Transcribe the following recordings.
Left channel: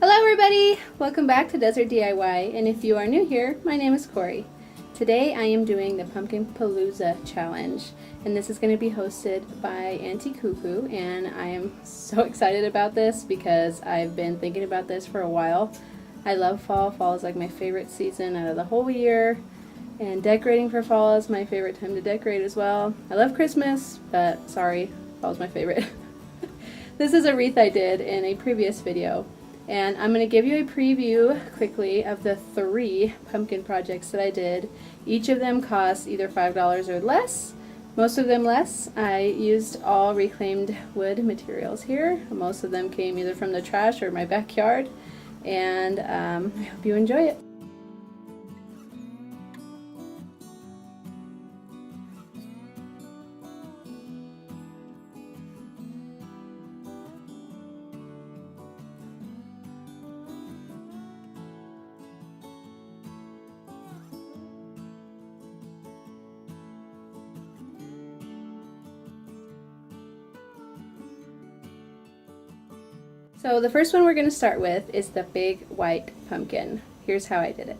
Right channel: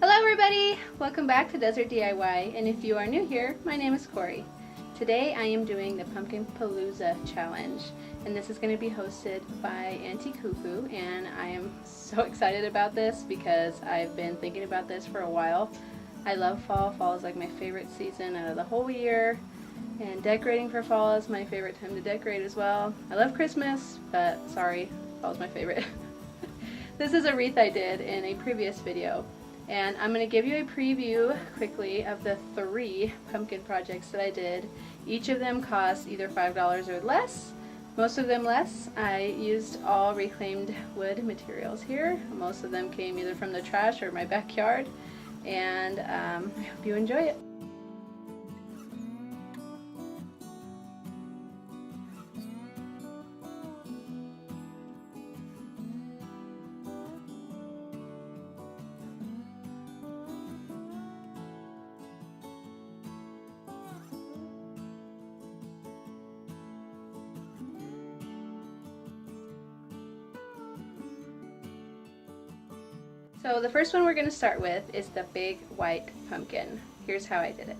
Hello everybody! Welcome back to Desert DIY, and if you are new here, my name is Corey. Today I am doing the Pumpkin Palooza challenge, and this is going to be hosted by Auntie Coo Coo, and I am so excited about this because I've been thinking about this for a while. I love fall. Fall is like my favorite season out of the whole year, and decorating for fall is my favorite time to decorate as well. I love Christmas, but sorry, fall is my favorite. This is a wreath I did in a previous video. And I'm going to give you a preview quickly of the 3 pumpkin projects that I did. Each of them cost either $5 or less, most of them less. I used all reclaimed wood materials here. Most of them came either from the trash or my backyard, and I hope you enjoy it. So the first one we're going to start with is the big white pumpkin. Here's how I did it.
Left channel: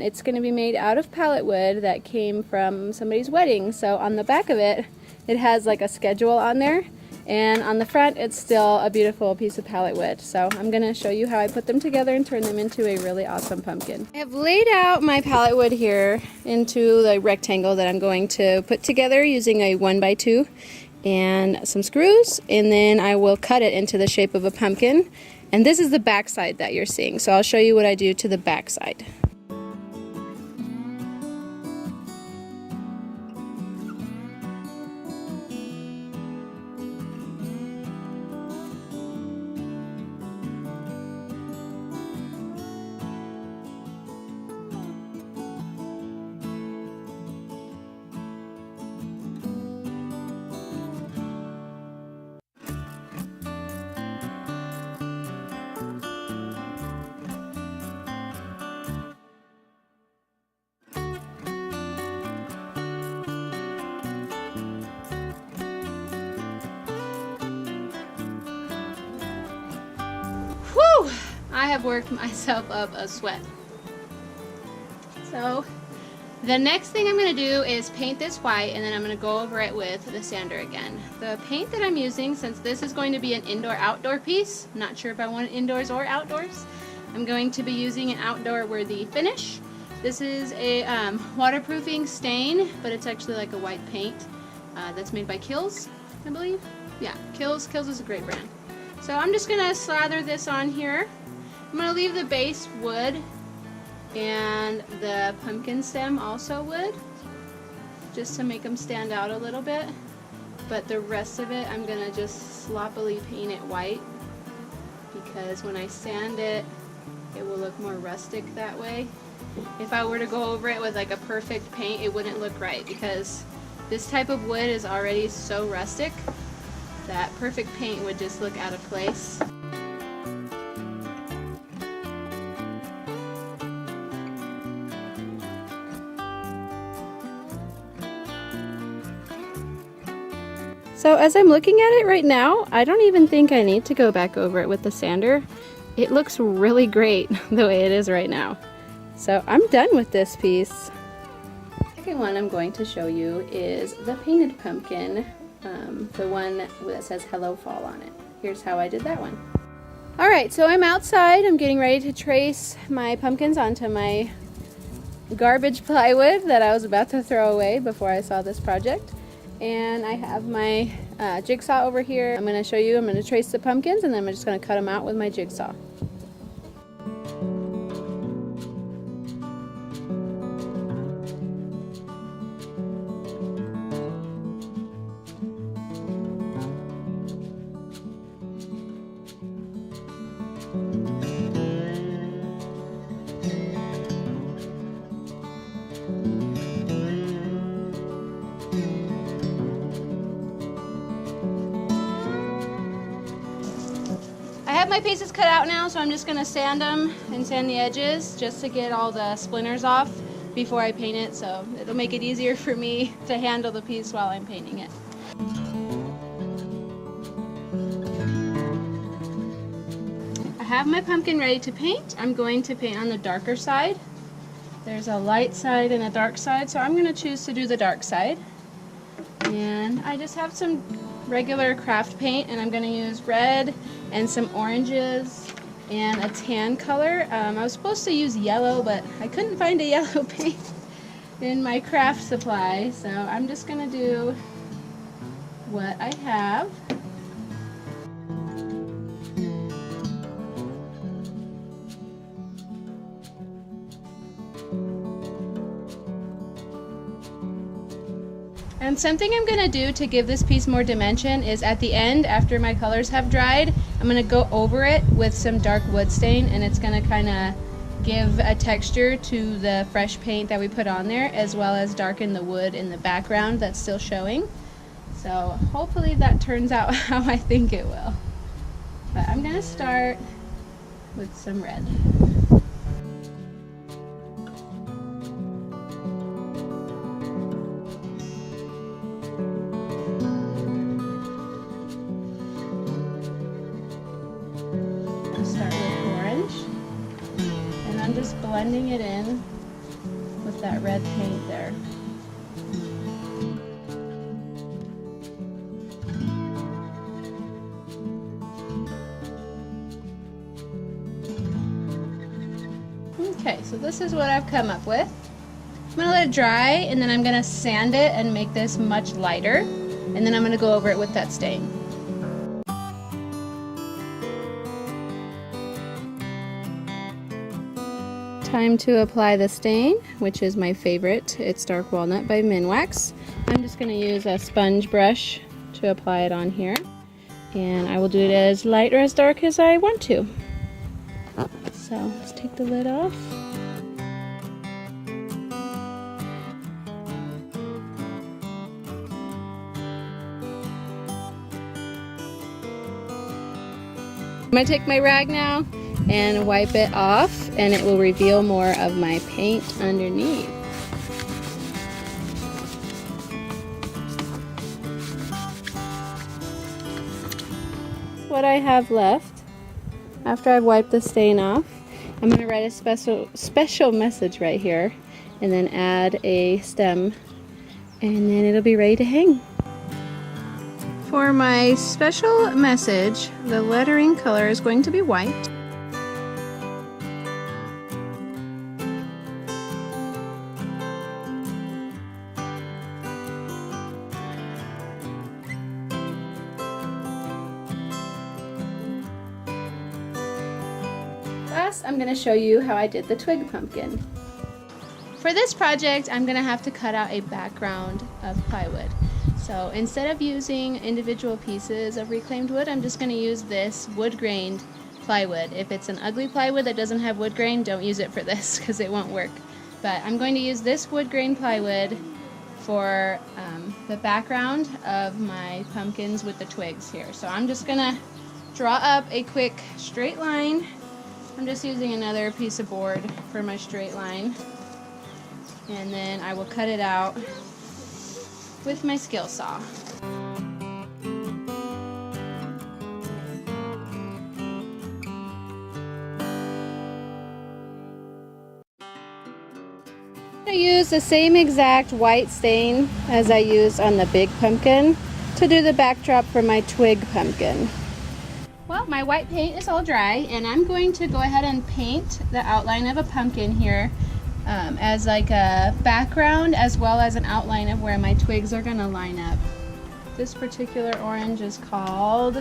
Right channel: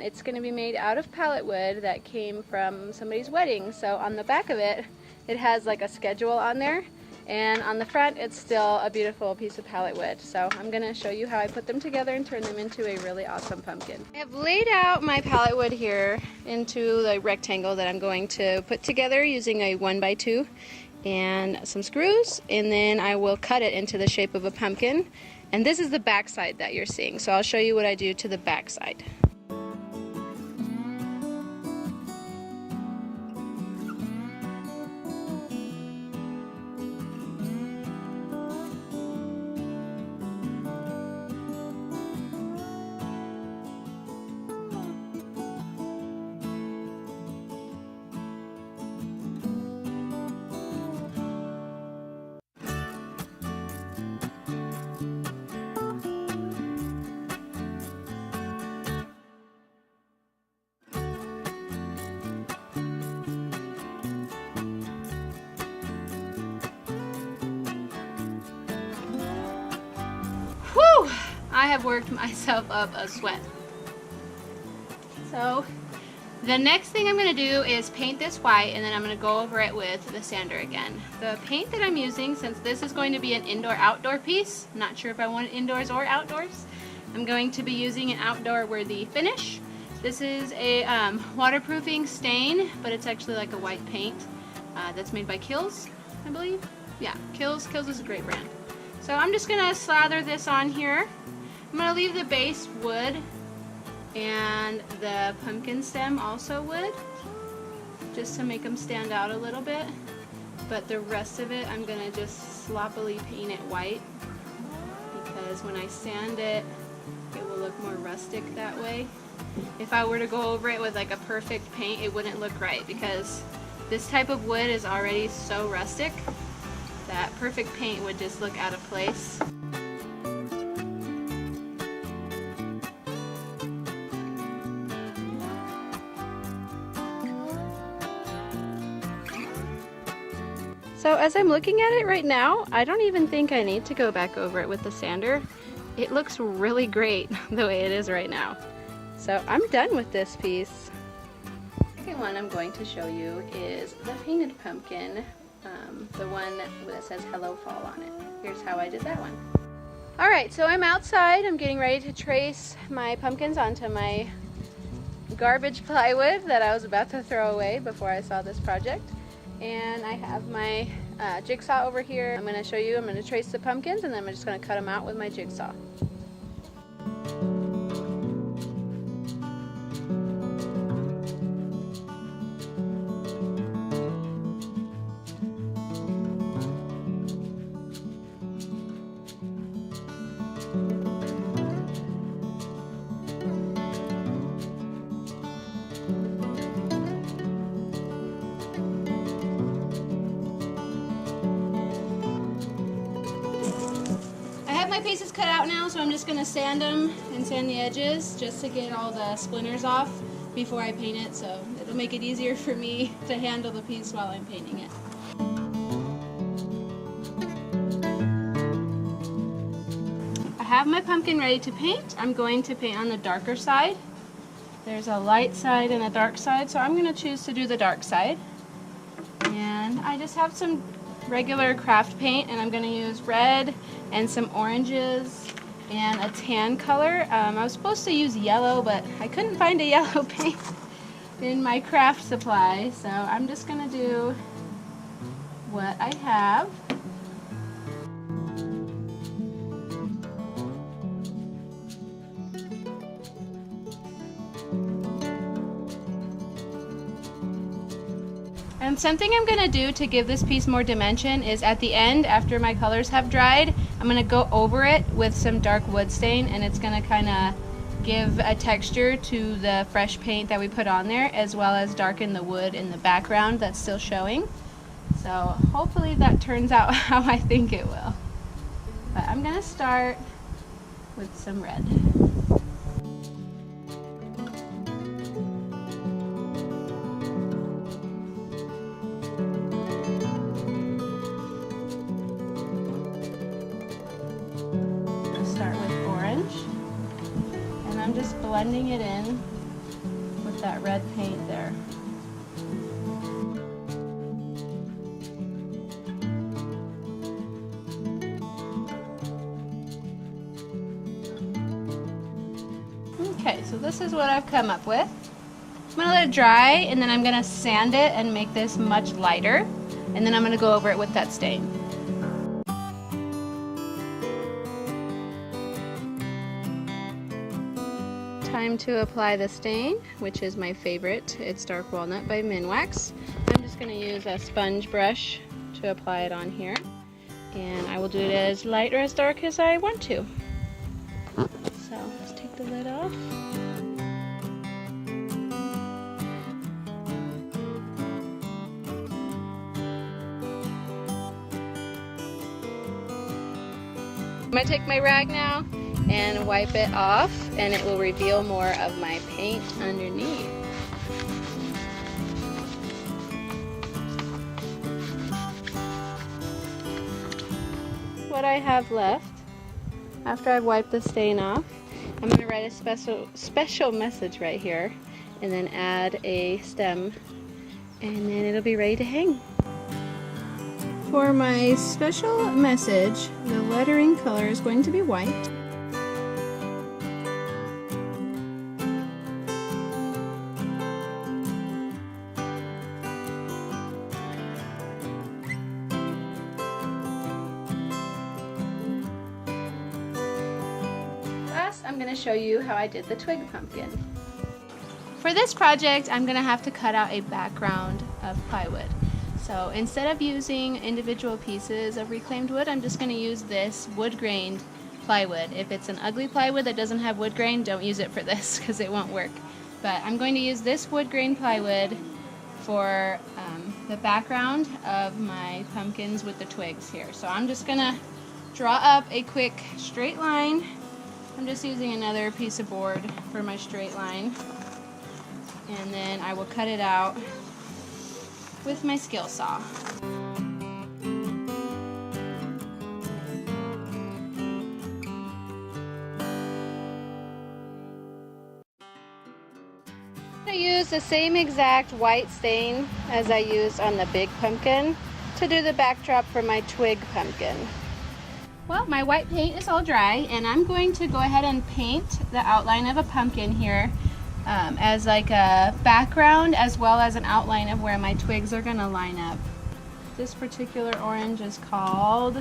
It's going to be made out of pallet wood that came from somebody's wedding. So on the back of it, it has like a schedule on there, and on the front it's still a beautiful piece of pallet wood. So I'm going to show you how I put them together and turn them into a really awesome pumpkin. I have laid out my pallet wood here into the rectangle that I'm going to put together using a 1x2 and some screws, and then I will cut it into the shape of a pumpkin. And this is the back side that you're seeing, so I'll show you what I do to the back side. Whew! I have worked myself up a sweat. So the next thing I'm going to do is paint this white, and then I'm going to go over it with the sander again. The paint that I'm using, since this is going to be an indoor-outdoor piece, I'm not sure if I want it indoors or outdoors, I'm going to be using an outdoor-worthy finish. This is a waterproofing stain, but it's actually like a white paint that's made by Kilz, I believe. Yeah, Kilz. Kilz is a great brand. So I'm just going to slather this on here. I'm going to leave the base wood and the pumpkin stem also wood, just to make them stand out a little bit. But the rest of it I'm going to just sloppily paint it white, because when I sand it, it will look more rustic that way. If I were to go over it with like a perfect paint, it wouldn't look right, because this type of wood is already so rustic that perfect paint would just look out of place. So as I'm looking at it right now, I don't even think I need to go back over it with the sander. It looks really great the way it is right now. So I'm done with this piece. The second one I'm going to show you is the painted pumpkin. The one that says Hello Fall on it. Here's how I did that one. Alright, so I'm outside. I'm getting ready to trace my pumpkins onto my garbage plywood that I was about to throw away before I saw this project. And I have my jigsaw over here. I'm going to show you, I'm going to trace the pumpkins, and then I'm just going to cut them out with my jigsaw. I have my pieces cut out now, so I'm just going to sand them and sand the edges just to get all the splinters off before I paint it, so it'll make it easier for me to handle the piece while I'm painting it. have my pumpkin ready to paint. I'm going to paint on the darker side. There's a light side and a dark side, so I'm going to choose to do the dark side. And I just have some regular craft paint, and I'm going to use red and some oranges and a tan color. I was supposed to use yellow, but I couldn't find a yellow paint in my craft supply, so I'm just going to do what I have. And something I'm going to do to give this piece more dimension is at the end, after my colors have dried, I'm going to go over it with some dark wood stain, and it's going to kind of give a texture to the fresh paint that we put on there, as well as darken the wood in the background that's still showing. So hopefully that turns out how I think it will. But I'm going to start with some red. I'm just blending it in with that red paint there. Okay, so this is what I've come up with. I'm going to let it dry, and then I'm going to sand it and make this much lighter, and then I'm going to go over it with that stain. Time to apply the stain, which is my favorite. It's Dark Walnut by Minwax. I'm just going to use a sponge brush to apply it on here, and I will do it as light or as dark as I want to. So let's take the lid off. I'm going to take my rag now and wipe it off, and it will reveal more of my paint underneath. What I have left after I've wiped the stain off, I'm going to write a special message right here, and then add a stem, and then it'll be ready to hang. For my special message, the lettering color is going to be white. I'm going to show you how I did the twig pumpkin. For this project, I'm going to have to cut out a background of plywood. So instead of using individual pieces of reclaimed wood, I'm just going to use this wood-grained plywood. If it's an ugly plywood that doesn't have wood grain, don't use it for this because it won't work. But I'm going to use this wood-grain plywood for the background of my pumpkins with the twigs here. So I'm just going to draw up a quick straight line. I'm just using another piece of board for my straight line, and then I will cut it out with my skill saw. I use the same exact white stain as I used on the big pumpkin to do the backdrop for my twig pumpkin. Well, my white paint is all dry, and I'm going to go ahead and paint the outline of a pumpkin here as like a background, as well as an outline of where my twigs are going to line up. This particular orange is called,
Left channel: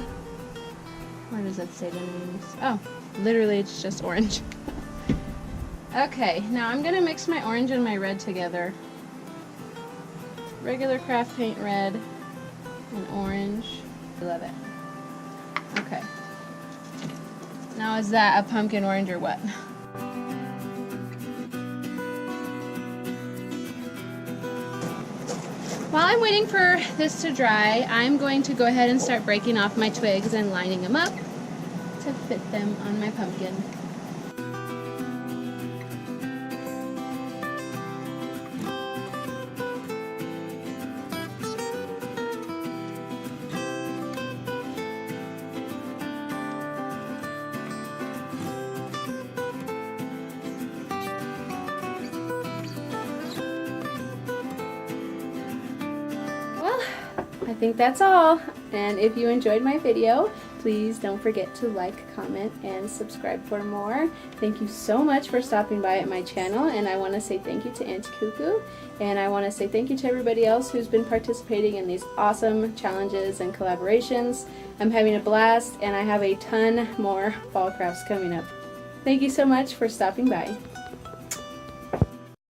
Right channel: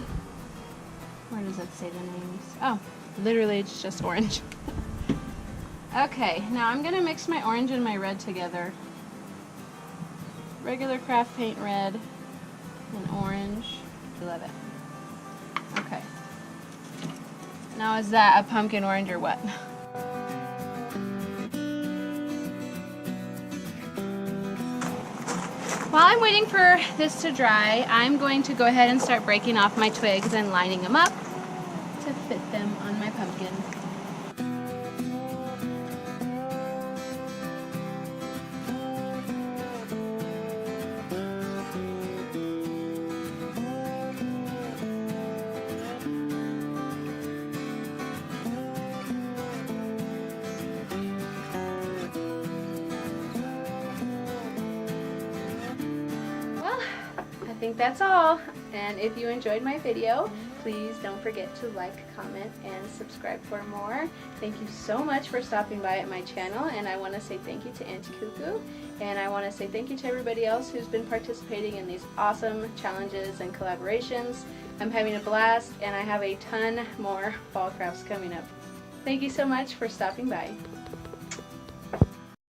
where does it say the names? Oh, literally it's just orange. Okay, now I'm going to mix my orange and my red together. Regular craft paint red and orange. I love it. Okay. Now is that a pumpkin orange or what? While I'm waiting for this to dry, I'm going to go ahead and start breaking off my twigs and lining them up to fit them on my pumpkin. think that's all. And if you enjoyed my video, please don't forget to like, comment, and subscribe for more. Thank you so much for stopping by at my channel, and I want to say thank you to Auntie Coo Coo, and I want to say thank you to everybody else who's been participating in these awesome challenges and collaborations. I'm having a blast, and I have a ton more fall crafts coming up. Thank you so much for stopping by.